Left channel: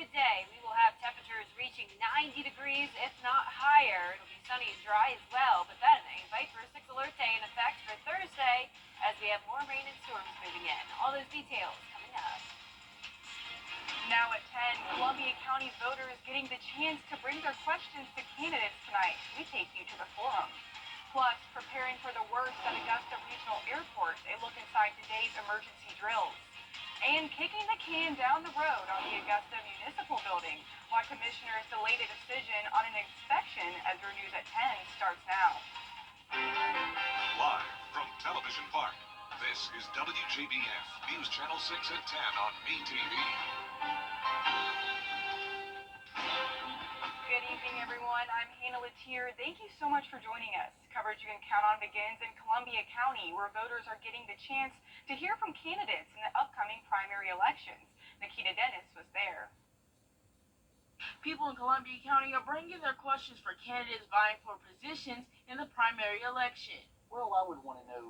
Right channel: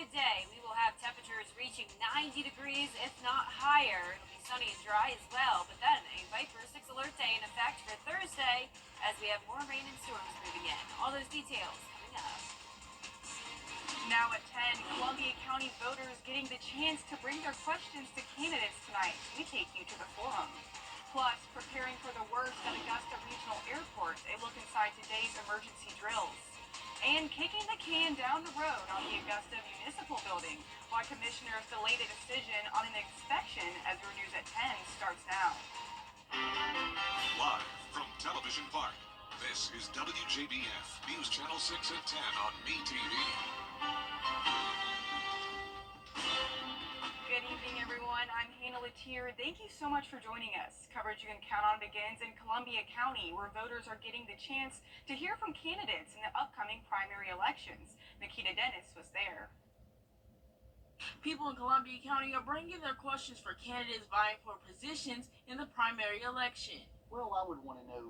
humid day. We will have temperatures reaching 90 degrees, if not higher. It'll be sunny and dry as well, but then a Viper 6 alert day in effect for Thursday as we have more rain and storms moving in. All those details coming up. Now at 10, Columbia County voters getting the chance to bring their questions to candidates tonight. We take you to the forum. Plus, preparing for the worst at Augusta Regional Airport, a look inside today's emergency drills. And kicking the can down the road on the Augusta Municipal Building, why commissioners delayed a decision on an inspection. Ezra News at 10 starts now. Live from Television Park, this is WJBF News Channel 6 at 10 on MeTV. Good evening, everyone. I'm Hannah Latier. Thank you so much for joining us. Coverage you can count on begins in Columbia County, where voters are getting the chance to hear from candidates in the upcoming primary elections. Nikita Dennis was there. People in Columbia County are bringing their questions for candidates vying for positions in the primary election. Well, I would want to know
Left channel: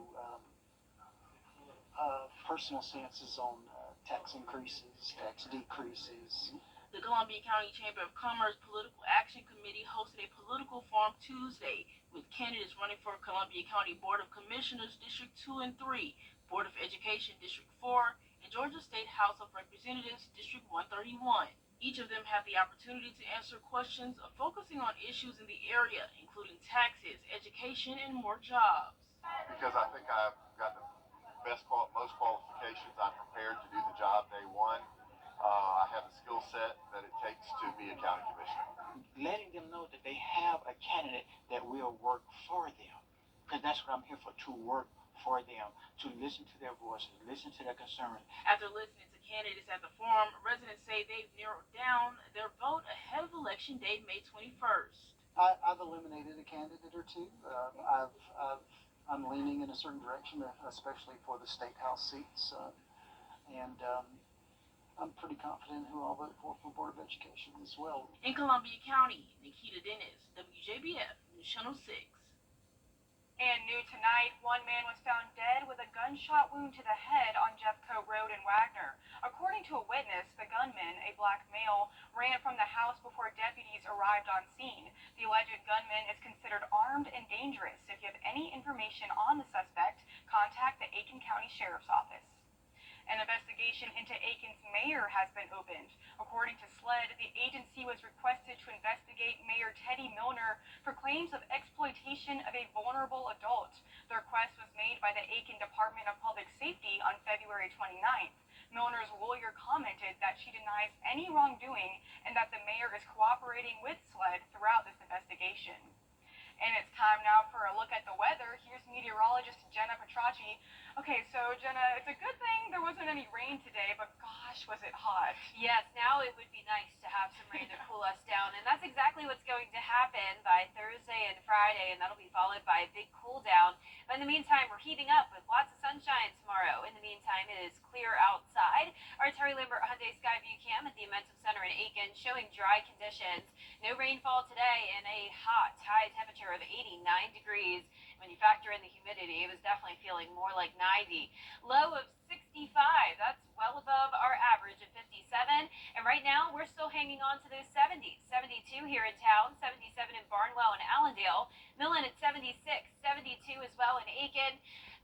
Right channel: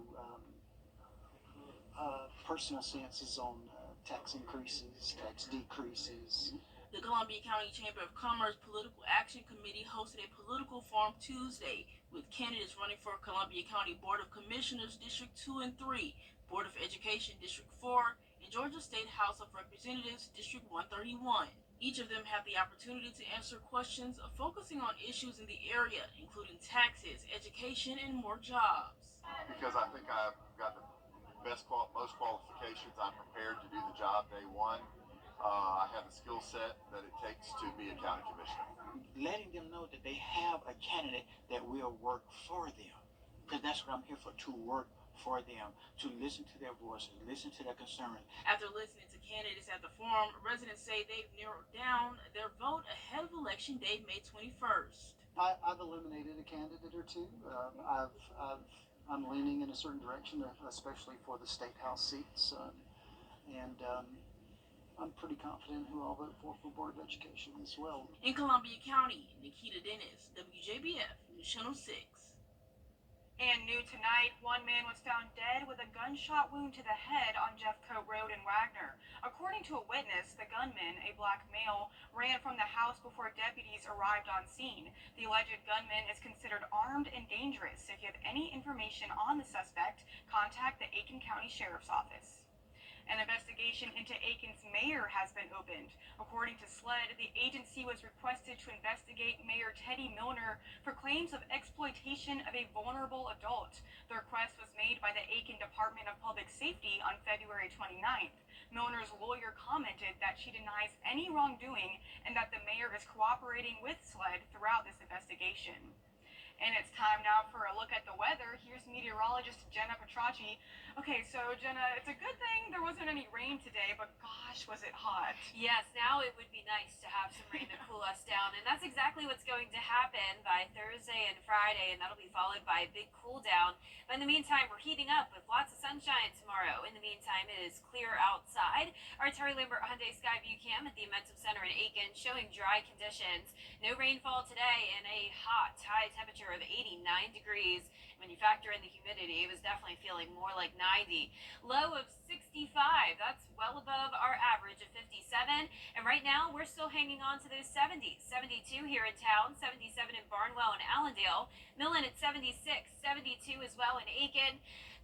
personal stances on tax increases, tax decreases. The Columbia County Chamber of Commerce Political Action Committee hosted a political forum Tuesday with candidates running for Columbia County Board of Commissioners District 2 and 3, Board of Education District 4, and Georgia State House of Representatives District 131. Each of them have the opportunity to answer questions focusing on issues in the area, including taxes, education, and more jobs. Because I think I've got the most qualifications. I'm prepared to do the job day one. I have the skill set that it takes to be a county commissioner. Letting them know that they have a candidate that will work for them. Because that's what I'm here for, to work for them, to listen to their voices, listen to their concerns. After listening to candidates at the forum, residents say they've narrowed down their vote ahead of Election Day, May 21st. I've eliminated a candidate or two. I'm leaning in a certain direction, especially for the state house seats. I'm pretty confident who I'll vote for Board of Education as well. In Columbia County, Nikita Dennis, WJBF News Channel 6. And new tonight, one man was found dead with a gunshot wound to the head on Jeffcoat Road in Wagner. According to a witness, the gunman, a black male, ran from the house before deputies arrived on scene. The alleged gunman is considered armed and dangerous. If you have any information on the suspect, contact the Aiken County Sheriff's Office. An investigation into Aiken's mayor has been opened. According to SLED, the agency was requested to investigate Mayor Teddy Milner for claims of exploitation of a vulnerable adult. The request was made by the Aiken Department of Public Safety on February 29th. Milner's lawyer commented that she denies any wrongdoing and that the mayor is cooperating with SLED throughout this investigation. And it's time now for a look at the weather. Here's meteorologist Jenna Petracci. Okay, so Jenna, it's a good thing there wasn't any rain today, but gosh, was it hot. Yes, now it would be nice to have some rain to cool us down, and that's exactly what's going to happen by Thursday and Friday, and that'll be followed by a big cool down. But in the meantime, we're heating up with lots of sunshine tomorrow. In the meantime, it is clear outside. Our Terry Lambert Hyundai Skyview Cam at the Amentum Center in Aiken showing dry conditions. No rainfall today and a hot, high temperature of 89 degrees. When you factor in the humidity, it was definitely feeling more like 90. Low of 65. That's well above our average of 57. And right now, we're still hanging on to those 70s. 72 here in town, 77 in Barnwell and Allendale. Millen at 76, 72 as well in Aiken.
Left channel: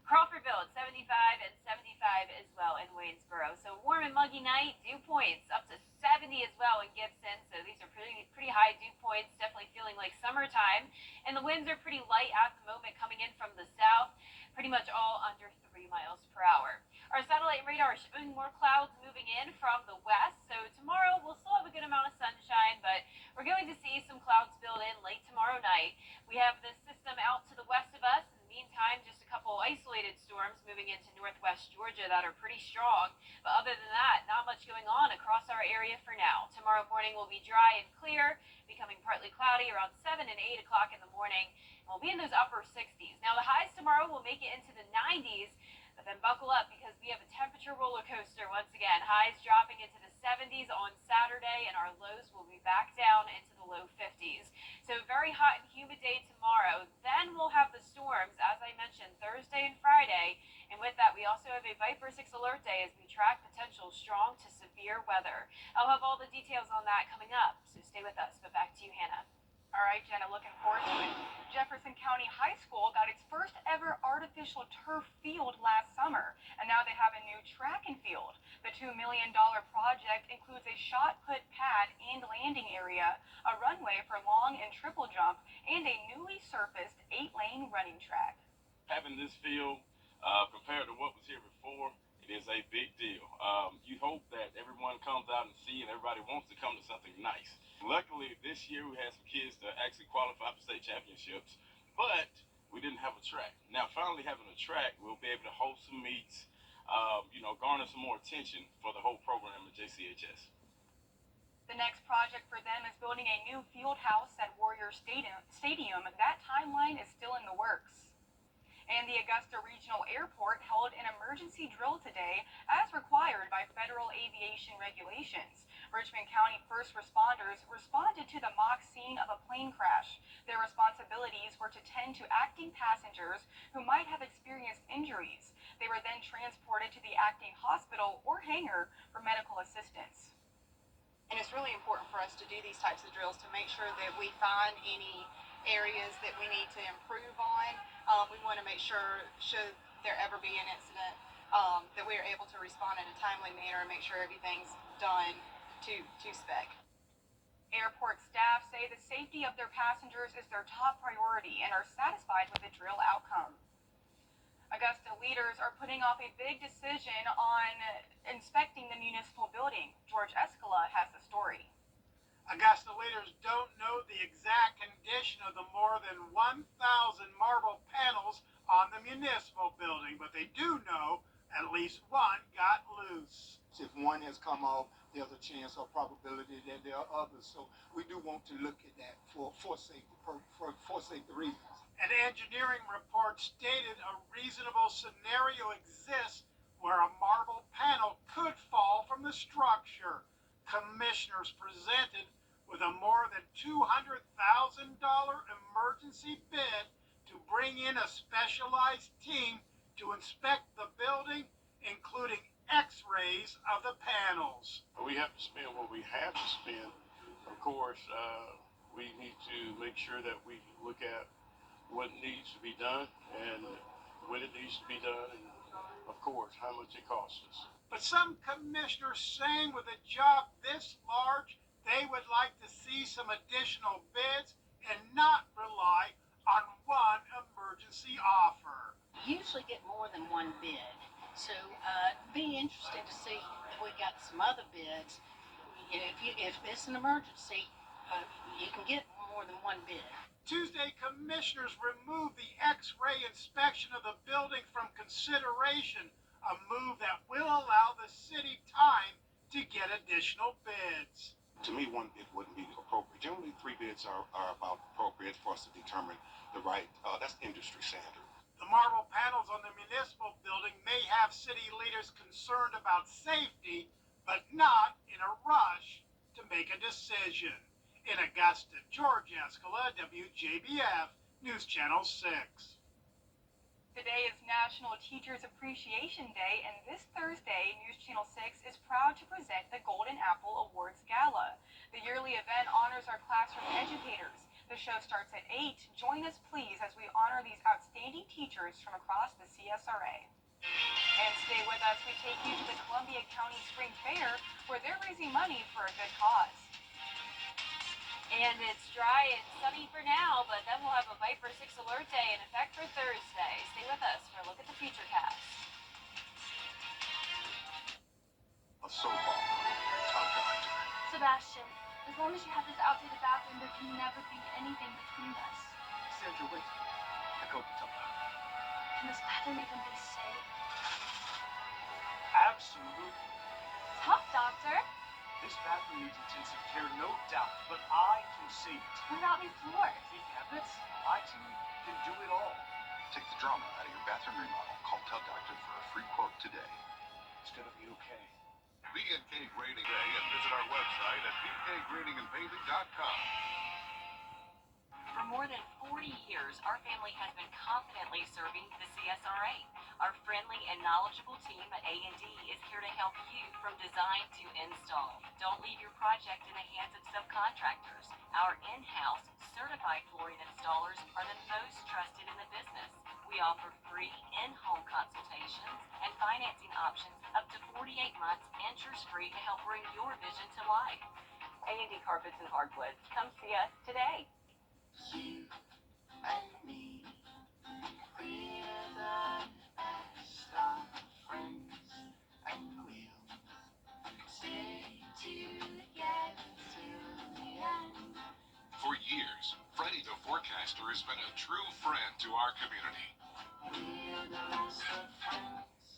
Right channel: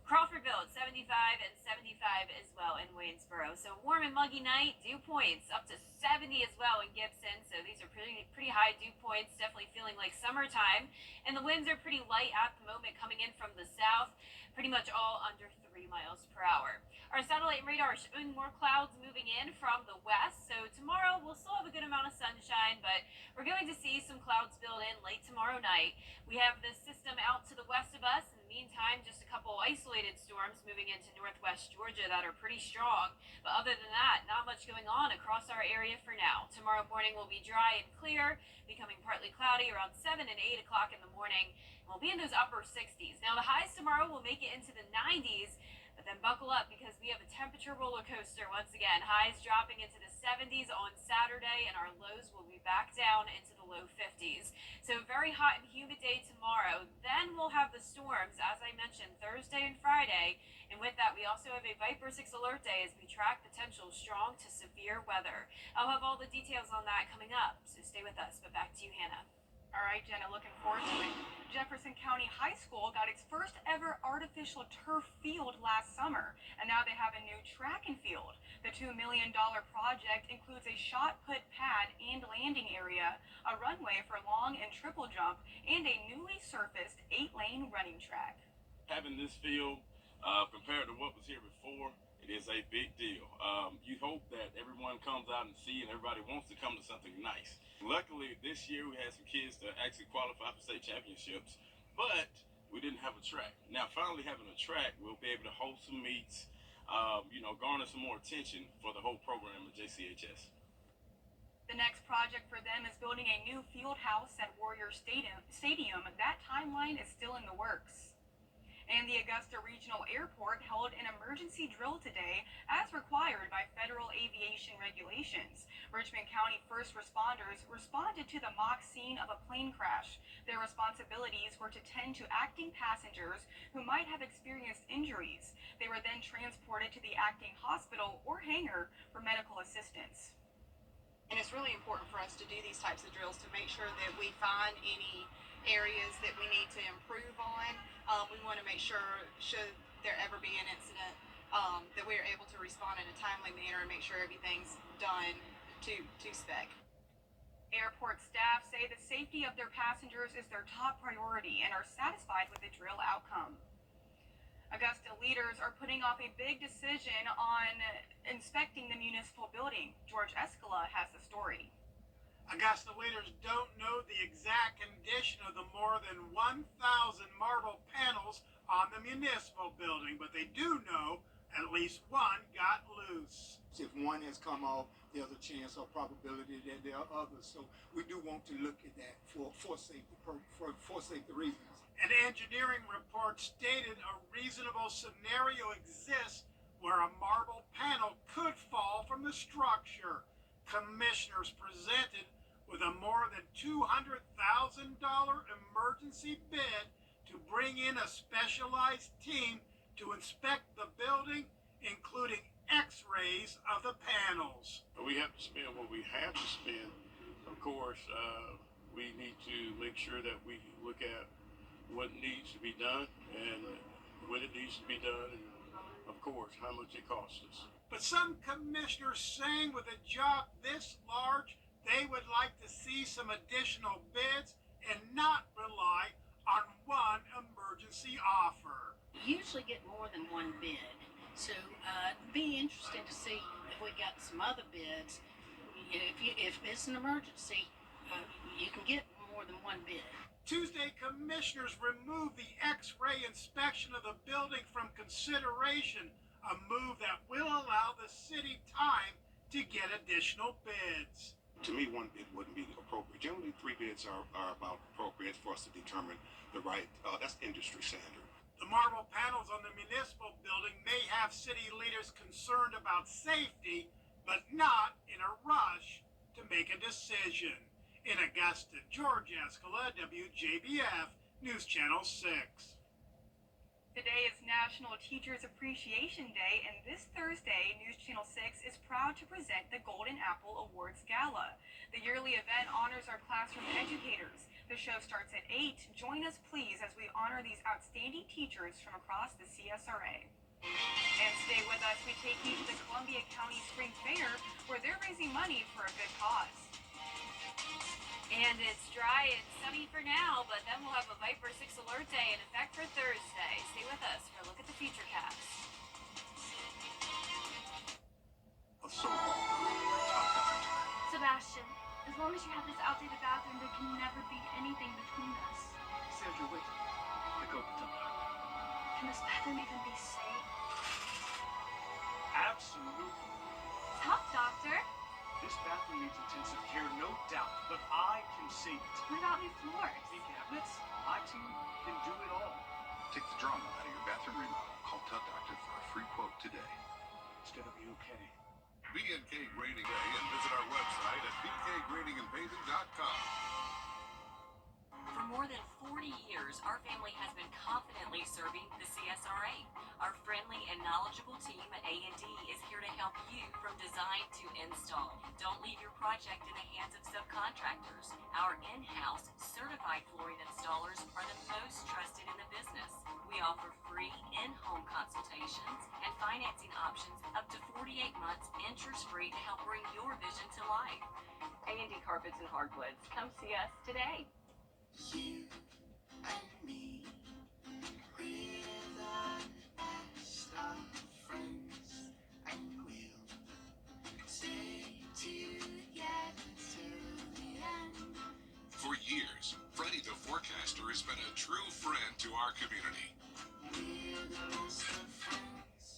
Crawfordville at 75 and 75 as well in Waynesboro. So warm and muggy night, dew points up to 70 as well in Gibson. So these are pretty high dew points, definitely feeling like summertime. And the winds are pretty light at the moment coming in from the south, pretty much all under 3 miles per hour. Our satellite radar is showing more clouds moving in from the west. So tomorrow we'll still have a good amount of sunshine, but we're going to see some clouds build in late tomorrow night. We have this system out to the west of us. Meantime, just a couple isolated storms moving into northwest Georgia that are pretty strong. But other than that, not much going on across our area for now. Tomorrow morning will be dry and clear, becoming partly cloudy around 7 and 8 o'clock in the morning. We'll be in those upper 60s. Now, the highs tomorrow will make it into the 90s. But then buckle up because we have a temperature roller coaster once again. Highs dropping into the 70s on Saturday, and our lows will be back down into the low 50s. So very hot and humid day tomorrow. Then we'll have the storms, as I mentioned, Thursday and Friday. And with that, we also have a Viper 6 alert day as we track potential strong to severe weather. I'll have all the details on that coming up, so stay with us. But back to you, Hannah. All right, Jenna, looking forward to it. Jefferson County High School got its first ever artificial turf field last summer, and now they have a new track and field. The $2 million project includes a shot put pad and landing area, a runway for long and triple jump, and a newly surfaced 8-lane running track. Having this field compared to what was here before, it is a big deal. You hope that everyone comes out and see, and everybody wants to come to something nice. Luckily, this year we had some kids that actually qualified for state championships, but we didn't have a track. Now, finally having a track, we'll be able to host some meets, garner some more attention for the whole program at JCHS. The next project for them is building a new field house at Warrior Stadium. That timeline is still in the works. And the Augusta Regional Airport held an emergency drill today as required by federal aviation regulations. Richmond County first responders responded to the mock scene of a plane crash. Their responsibilities were to tend to acting passengers who might have experienced injuries. They were then transported to the acting hospital or hangar for medical assistance. And it's really important for us to do these types of drills to make sure that we find any areas that we need to improve on. We want to make sure, should there ever be an incident, that we are able to respond in a timely manner and make sure everything's done to spec. Airport staff say the safety of their passengers is their top priority and are satisfied with the drill outcome. Augusta leaders are putting off a big decision on inspecting the municipal building. George Escala has the story. Augusta leaders don't know the exact condition of the more than 1,000 marble panels on the municipal building, but they do know at least one got loose. If one has come off, there's a chance or probability that there are others. So we do want to look at that for safety reasons. An engineering report stated a reasonable scenario exists where a marble panel could fall from the structure. Commissioners presented with a more than $200,000 emergency bid to bring in a specialized team to inspect the building, including x-rays of the panels. We have to spend what we have to spend. Of course, we need to make sure that we look at what needs to be done and when it needs to be done, and of course, how much it costs us. But some commissioners saying with a job this large, they would like to see some additional bids and not rely on one emergency offer. You usually get more than one bid, so it'd be interesting to see if we got some other bids. You know, if it's an emergency, you can get more than one bid. Tuesday, commissioners removed the x-ray inspection of the building from consideration, a move that will allow the city time to get additional bids. To me, one bid wouldn't be appropriate. Generally, 3 bids are about appropriate for us to determine the right, that's industry standard. The marble panels on the municipal building may have city leaders concerned about safety, but not in a rush to make a decision. In Augusta, George Escala, WJBF, News Channel 6. Today is National Teachers Appreciation Day, and this Thursday, News Channel 6 is proud to present the Golden Apple Awards Gala. The yearly event honors our classroom educators. The show starts at 8. Join us, please, as we honor these outstanding teachers from across the CSRA. And stay with us. We take you to the Columbia County Spring Fair, where they're raising money for a good cause. And it's dry and sunny for now, but then we'll have a Viper 6 alert day in effect for Thursday. Stay with us for a look at the futurecast. A so-called top doctor. Sebastian, as long as you have this outdated bathroom, there can never be anything between us. Sandra, wait. I go to top doctor. Can this bathroom even be safe? Absolutely. Top doctor? This bathroom needs intensive care, no doubt, but I can save it. What about new floors? The cabinets, my team can do it all. Take the drama out of your bathroom remodel. Call Tug Doctor for a free quote today. It's gonna be okay. B&K Grading Day and visit our website at bkgradingandpaving.com. For more than 40 years, our family has been confidently serving the CSRA. Our friendly and knowledgeable team at A&D is here to help you from design to install. Don't leave your project in the hands of subcontractors. Our in-house certified flooring installers are the most trusted in the business. We offer free in-home consultations and financing options up to 48 months interest-free to help bring your vision to life. A&D Carpets and Hardwoods. Come see us today. You and me, we're the best of friends, and we'll stay together till the end. For years, Freddie the Forecaster has been a true friend to our community. We're the best of friends.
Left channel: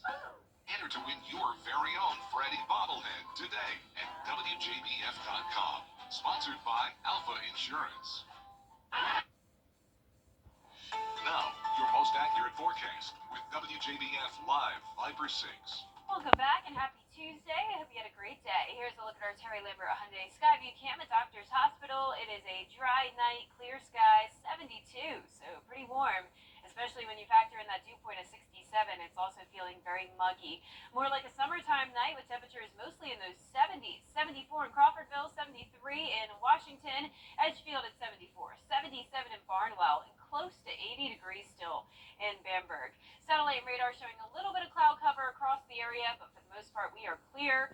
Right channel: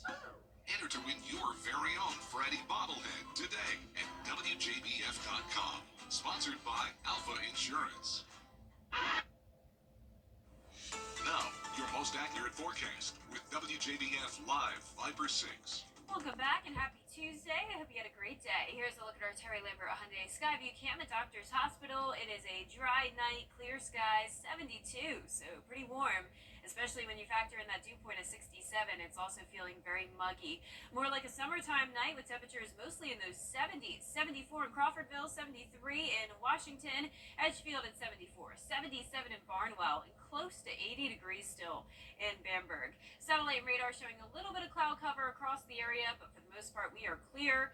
Enter to win your very own Freddie bobblehead today at WJBF.com. Sponsored by Alpha Insurance. Now, your most accurate forecast with WJBF Live Viper 6. Welcome back and happy Tuesday. I hope you had a great day. Here's a look at our Terry Lambert Hyundai Skyview Cam at Doctor's Hospital. It is a dry night, clear skies, 72, so pretty warm, especially when you factor in that dew point of 67. It's also feeling very muggy. More like a summertime night with temperatures mostly in those 70s. 74 in Crawfordville, 73 in Washington, Edgefield at 74, 77 in Barnwell, and close to 80 degrees still in Bamberg. Satellite and radar showing a little bit of cloud cover across the area, but for the most part we are clear.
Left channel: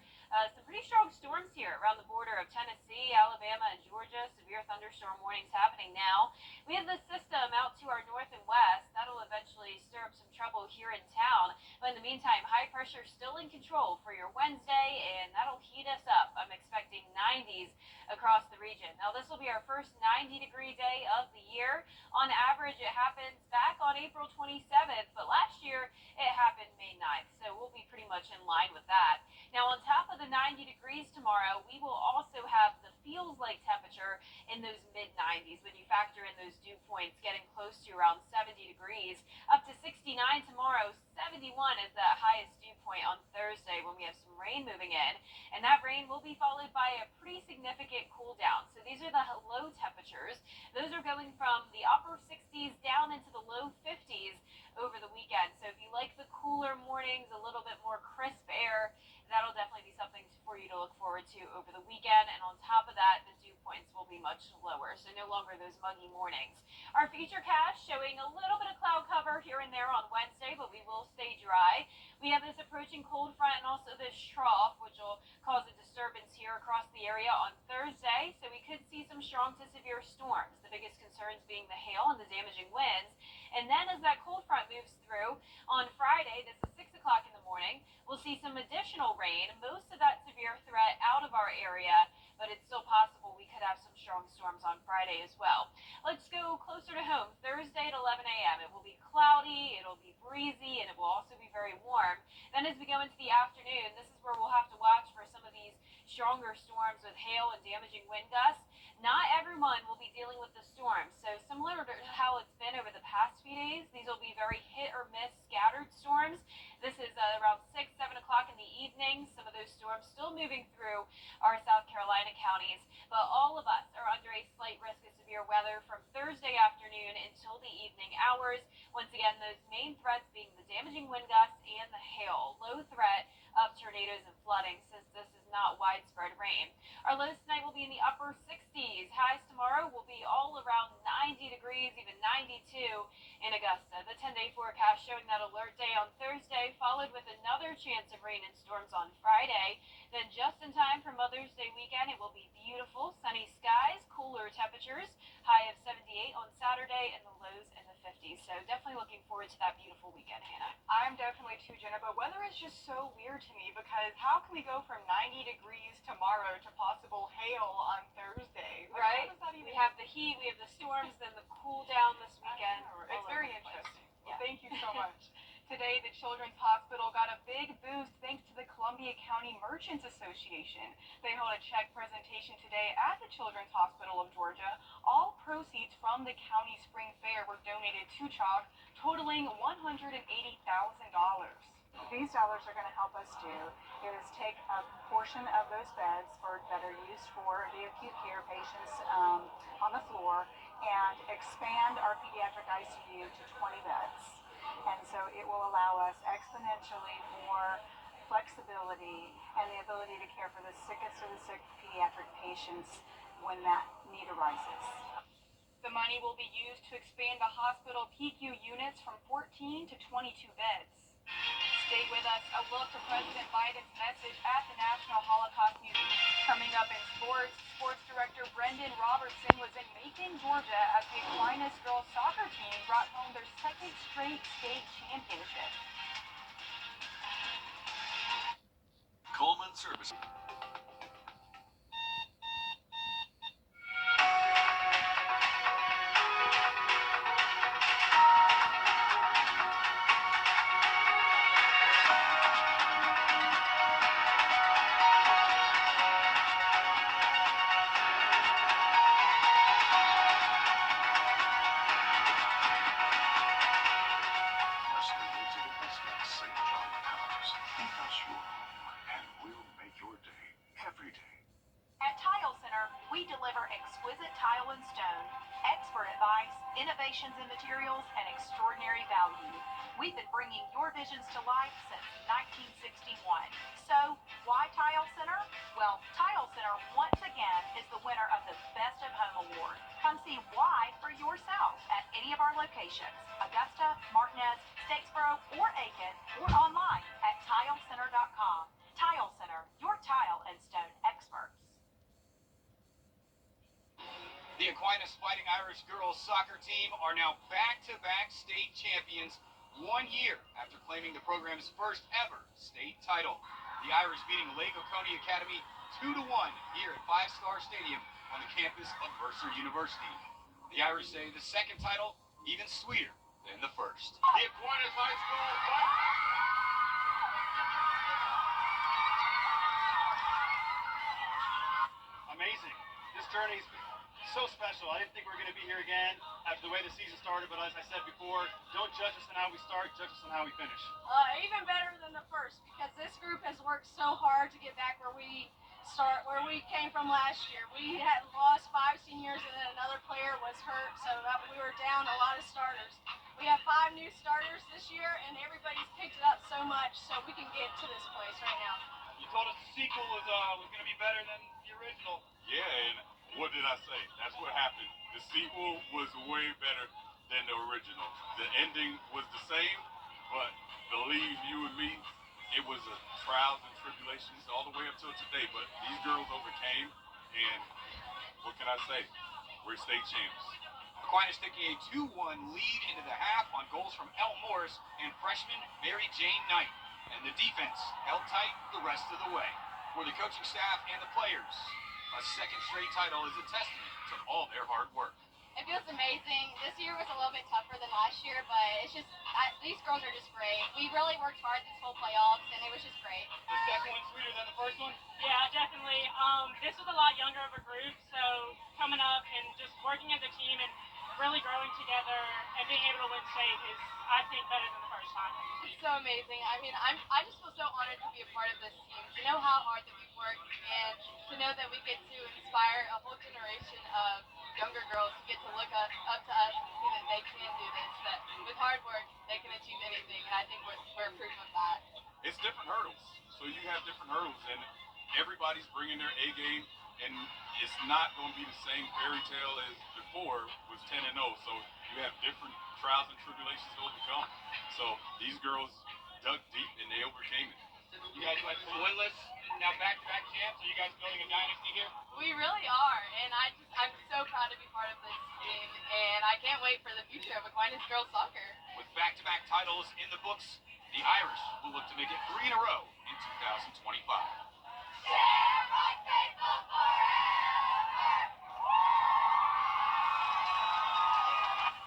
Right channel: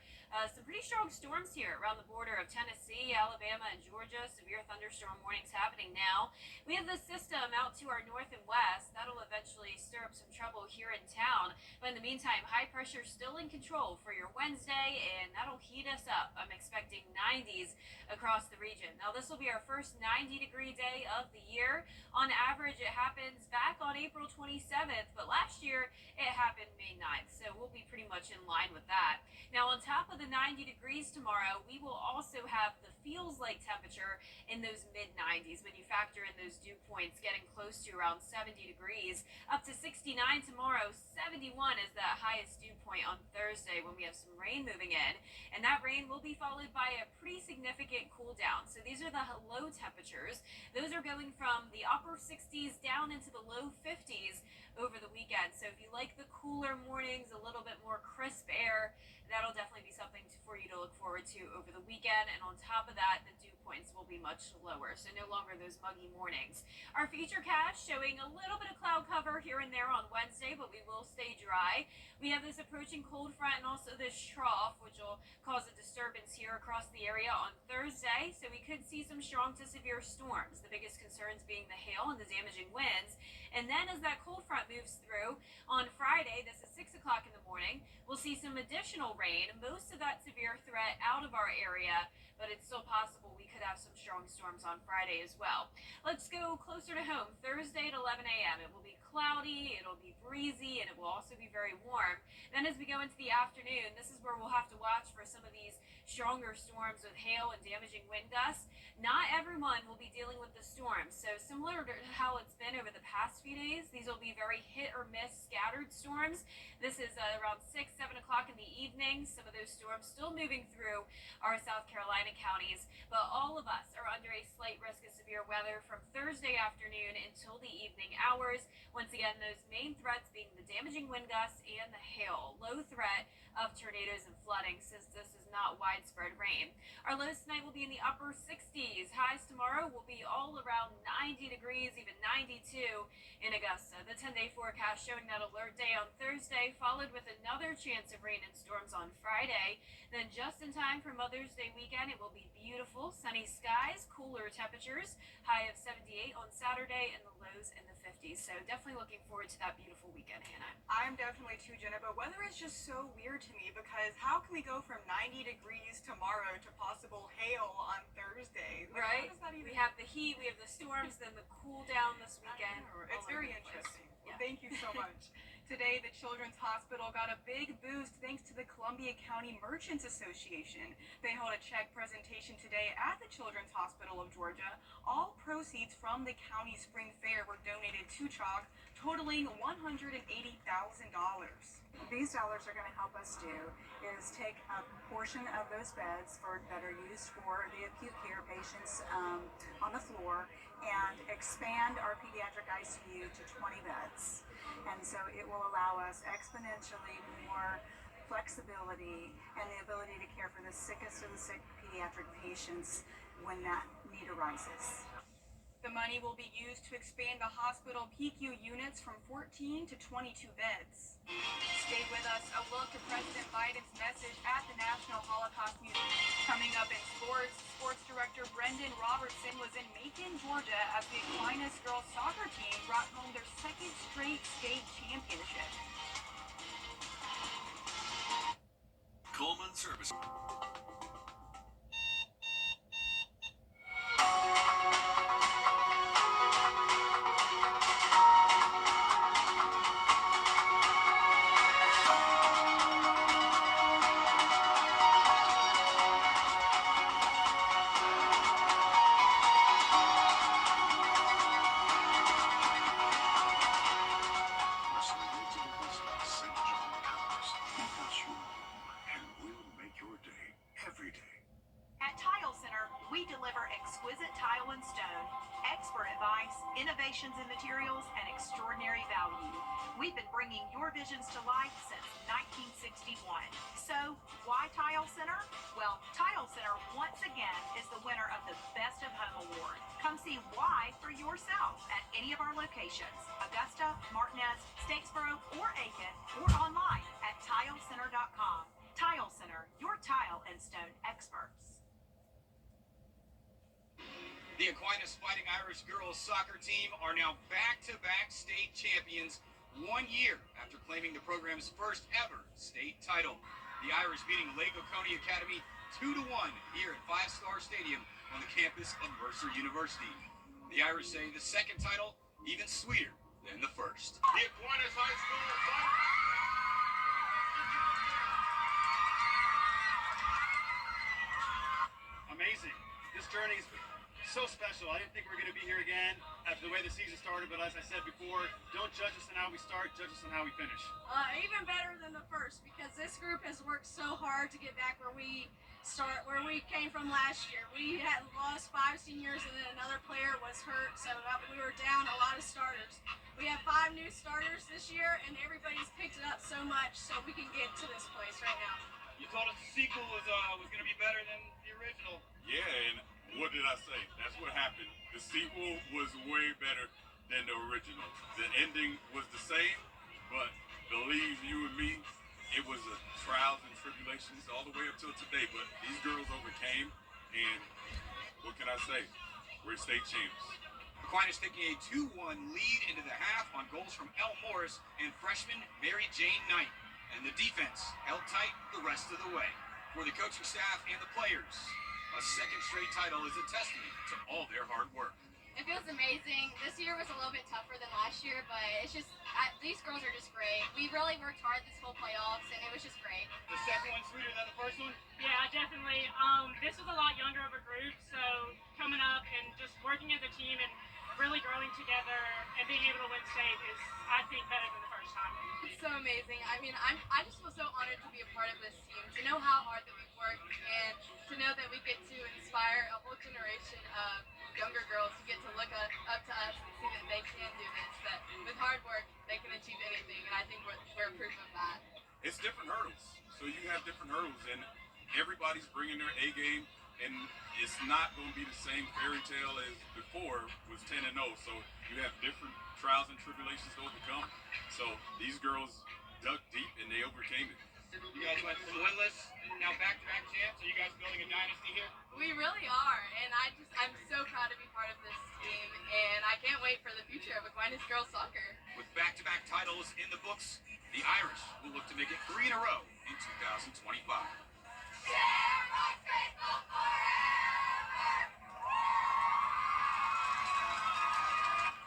Some pretty strong storms here around the border of Tennessee, Alabama, and Georgia. Severe thunderstorm warnings happening now. We have the system out to our north and west. That'll eventually stir up some trouble here in town. But in the meantime, high pressure still in control for your Wednesday, and that'll heat us up. I'm expecting 90s across the region. Now, this will be our first 90-degree day of the year. On average, it happens back on April 27th, but last year it happened May 9th, so we'll be pretty much in line with that. Now, on top of the 90 degrees tomorrow, we will also have the feels-like temperature in those mid-90s when you factor in those dew points getting close to around 70 degrees. Up to 69 tomorrow, 71 is that highest dew point on Thursday when we have some rain moving in, and that rain will be followed by a pretty significant cool down. So these are the low temperatures. Those are going from the upper 60s down into the low 50s over the weekend. So if you like the cooler mornings, a little bit more crisp air, that'll definitely be something for you to look forward to over the weekend. And on top of that, the dew points will be much lower, so no longer those muggy mornings. Our futurecast showing a little bit of cloud cover here and there on Wednesday, but we will stay dry. We have this approaching cold front and also this trough, which will cause a disturbance here across the area on Thursday, so we could see some strong to severe storms, the biggest concerns being the hail and the damaging winds. And then as that cold front moves through on Friday, this is 6 o'clock in the morning, we'll see some additional rain, most of that severe threat out of our area, but it's still possible we could have some strong storms on Friday as well. Let's go closer to home. Thursday at 11 a.m. It will be cloudy, it'll be breezy, and it will also be very warm. Then as we go into the afternoon, this is where we'll have to watch for some of these stronger storms with hail and damaging wind gusts. Not everyone will be dealing with the storms, so similar to how it's been over the past few days, these will be very hit or miss scattered storms. This is around 6, 7 o'clock in the evening. Some of those storms still moving through our South Carolina counties, but all of us are under a slight risk of severe weather from Thursday afternoon until the evening hours. Once again, those main threats being the damaging wind gusts and the hail. Low threat of tornadoes and flooding since this is not widespread rain. Our lows tonight will be in the upper 60s. Highs tomorrow will be all around 90 degrees, even 92 in Augusta. The 10-day forecast showing that alert day on Thursday, followed with another chance of rain and storms on Friday. Then just in time for Mother's Day weekend, it will be beautiful, sunny skies, cooler temperatures, high of 78 on Saturday, and the lows in the 50s. So definitely looking forward to that beautiful weekend, Hannah. I'm definitely too, Jenna, but weather is just so weird to me because how can we go from 90 degrees tomorrow to possible hail on Thursday? Like, right? How does that even... We have the heat, we have the storms, then the cool down this weekend. It's very interesting. Yeah. Well, thank you so much. Today, the Children's Hospital got a big boost thanks to the Columbia County Merchants Association. They held a check presentation today at the Children's Hospital of Georgia. All proceeds from the county spring fair were donated to CHOC, totaling $180,000. These dollars are going to help us do is take a portion of those beds for that are used for the acute care patients on the floor and expand our pediatric ICU to 20 beds. And so it will allow us exponentially more flexibility and the ability to care for the sickest of the sick pediatric patients when that need arises. The money will be used to expand the hospital PICU units from 14 to 22 beds. Stay with us. A look to President Biden's message at the National Holocaust Museum. Coming up in sports, Sports Director Brendan Robertson was in Macon, Georgia, as the Aquinas girls soccer team brought home their second straight state championship. Coleman Service. At Tile Center, we deliver exquisite tile and stone, expert advice, innovations in materials, and extraordinary value. We've been bringing your visions to life since 1961. So, why Tile Center? Well, Tile Center, once again, is the winner of the Best of Home Award. Come see why for yourself at any of our locations, Augusta, Martinez, Statesboro, or Aiken, or online at tilecenter.com. Tile Center, your tile and stone experts. The Aquinas Fighting Irish girls soccer team are now back-to-back state champions 1 year after claiming the program's first ever state title. The Irish beating Lake Oconee Academy 2-1 here at Five Star Stadium on the campus of Mercer University. The Irish say the second title even sweeter than the first. The Aquinas High School fight. Amazing. This journey's so special. I didn't think we were going to be here again after the way the season started, but as I said before, don't judge us on how we start, judge us on how we finish. Even better than the first, because this group has worked so hard to get back where we came from last year. We had lost 5 seniors and then another player was hurt, so we were down a lot of starters. We have 5 new starters this year, and everybody's picked it up so much so we can get to this place right now. You told us the sequel was going to be better than the original. Yeah, and what did I say? That's what happened. The sequel was way better than the original. The ending was the same, but believe you and me, it was a trials and tribulations all the way up till today. But these girls overcame, and what can I say? We're state champs. Aquinas taking a 2-1 lead into the half on goals from Elle Morris and freshman Mary Jane Knight. And the defense held tight the rest of the way. For the coaching staff and the players, a second straight title is a testament to all their hard work. It feels amazing. This year was a little bit tougher than last year, but it's just, these girls are just great. We really worked hard this whole playoffs, and it was just great. The second one sweeter than the first one? Yeah, definitely. This was a lot younger of a group, so coming up and just working as a team and really growing together and being able to win state is, I think, better than the first time. It's so amazing. I mean, I just feel so honored to be a part of this team, to know how hard that we've worked, and to know that we get to inspire a whole generation of younger girls who get to look up to us and see that they can do this, that with hard work, they can achieve anything, and I think we're proof of that. It's different hurdles. So you have different hurdles, and everybody's bringing their A game, and it's not going to be the same fairy tale as before was 10-0. So you have different trials and tribulations to overcome. So these girls dug deep, and they overcame it. You guys went winless, now back-to-back champs. Are you guys building a dynasty here? We really are, and I'm so proud to be part of this team, and I can't wait for the future of Aquinas girls soccer. With back-to-back titles in the books, the Irish will look to make it 3 in a row in 2025.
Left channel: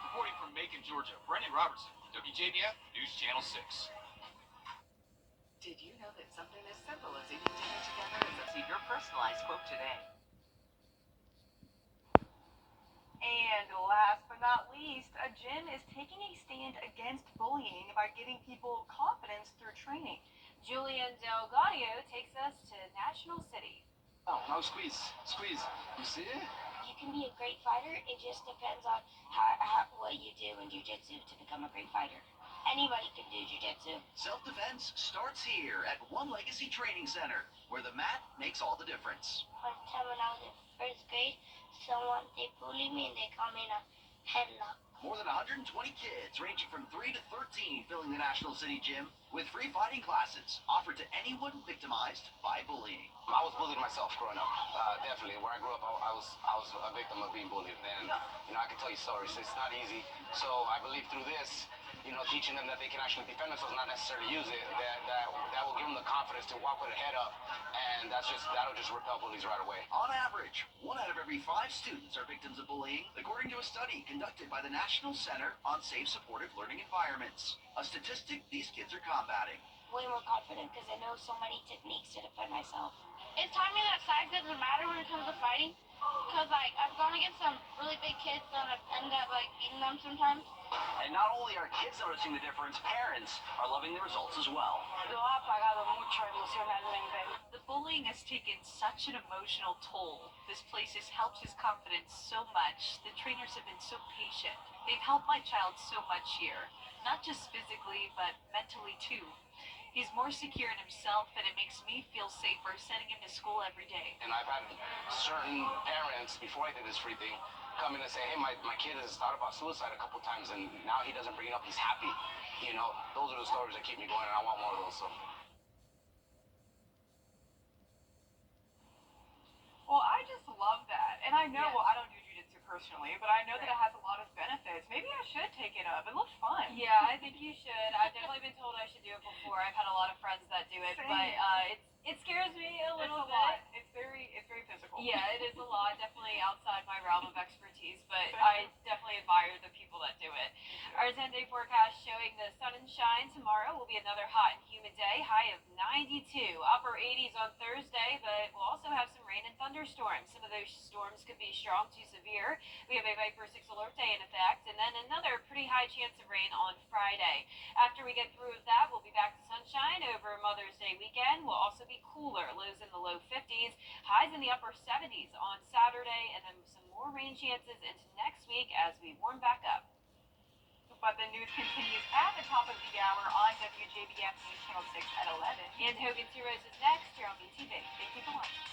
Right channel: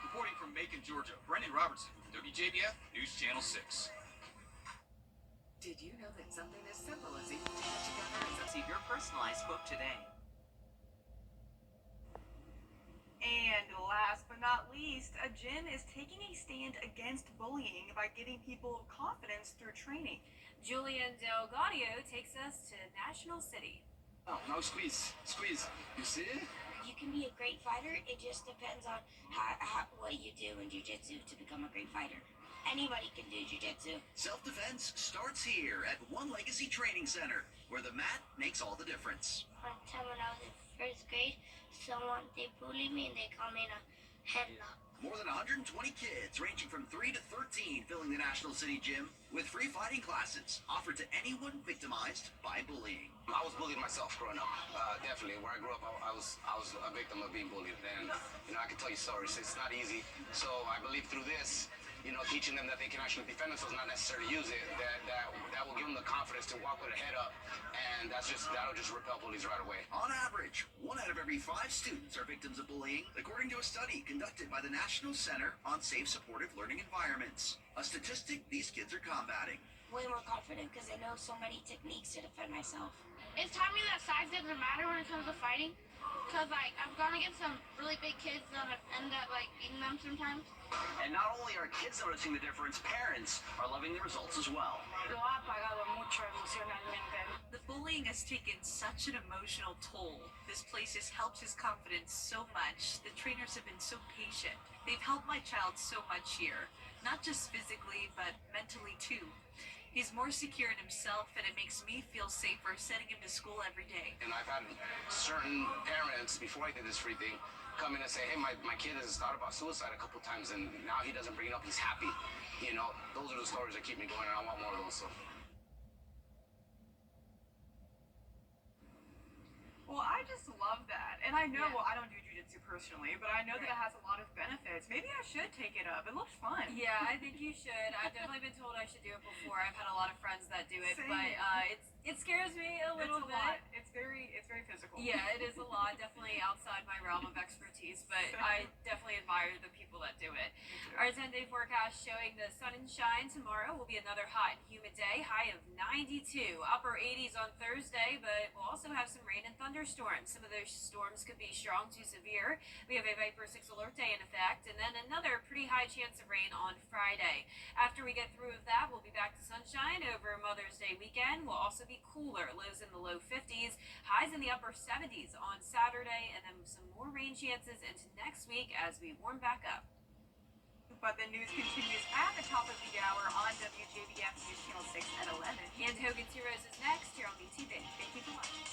Reporting from Macon, Georgia, Brendan Robertson, WJBF News Channel 6. Did you know that something as simple as eating dinner together is receive your personalized quote today? And last but not least, a gym is taking a stand against bullying by giving people confidence through training. Julian Del Gaudio takes us to National City. Oh, now squeeze, squeeze. You see? You can be a great fighter. It just depends on what you do in jiu-jitsu to become a great fighter. Anybody can do jiu-jitsu. Self-defense starts here at One Legacy Training Center, where the mat makes all the difference. One time when I was in first grade, they bullied me and they called me in a headlock. More than 120 kids, ranging from 3 to 13, filling the National City Gym with free fighting classes offered to anyone victimized by bullying. I was bullied myself growing up. Definitely, where I grew up, I was a victim of being bullied, and I can tell you stories. It's not easy. So I believe through this, teaching them that they can actually defend themselves, not necessarily use it, that will give them the confidence to walk with their head up, and that'll just repel bullies right away. On average, 1 out of every 5 students are victims of bullying, according to a study conducted by the National Center on Safe Supportive Learning Environments, a statistic these kids are combating. Way more confident because I know so many techniques to defend myself. It's taught me that size doesn't matter when it comes to fighting, because I've gone against some really big kids and I've ended up beating them sometimes. And not only are kids noticing the difference, parents are loving the results as well. The bullying has taken such an emotional toll. This place has helped his confidence so much. The trainers have been so patient. They've helped my child so much here, not just physically, but mentally too. He's more secure in himself, and it makes me feel safer sending him to school every day. And I've had certain parents, before I did this free thing, come in and say, hey, my kid has thought about suicide a couple times, and now he doesn't bring it up, he's happy. Those are the stories that keep me going, and I want more of those. So. Well, I just love that. And I know, I don't do jiu-jitsu personally, but I know that it has a lot of benefits. Maybe I should take it up. It looks fun. Yeah, I think you should. I've definitely been told I should do it before. I've had a lot of friends that do it, Same. but it scares me a little It's a bit. lot. It's very physical. Yeah, it is a lot. Definitely outside my realm of expertise, but I definitely admire the people that do it. Our 10-day forecast showing the sun and shine tomorrow will be another hot and humid day, high of 92, upper 80s on Thursday, but we'll also have some rain and thunderstorms. Some of those storms could be strong to severe. We have a Viper 6 alert day in effect, and then another pretty high chance of rain on Friday. After we get through with that, we'll be back to sunshine over Mother's Day weekend. We'll also be cooler, lows in the low 50s, highs in the upper 70s on Saturday, and then some more rain chances into next week as we warm back up. But the news continues at the top of the hour on WJBF News Channel 6 at 11. And Hogan's Heroes is next here on BTV. Thank you for watching.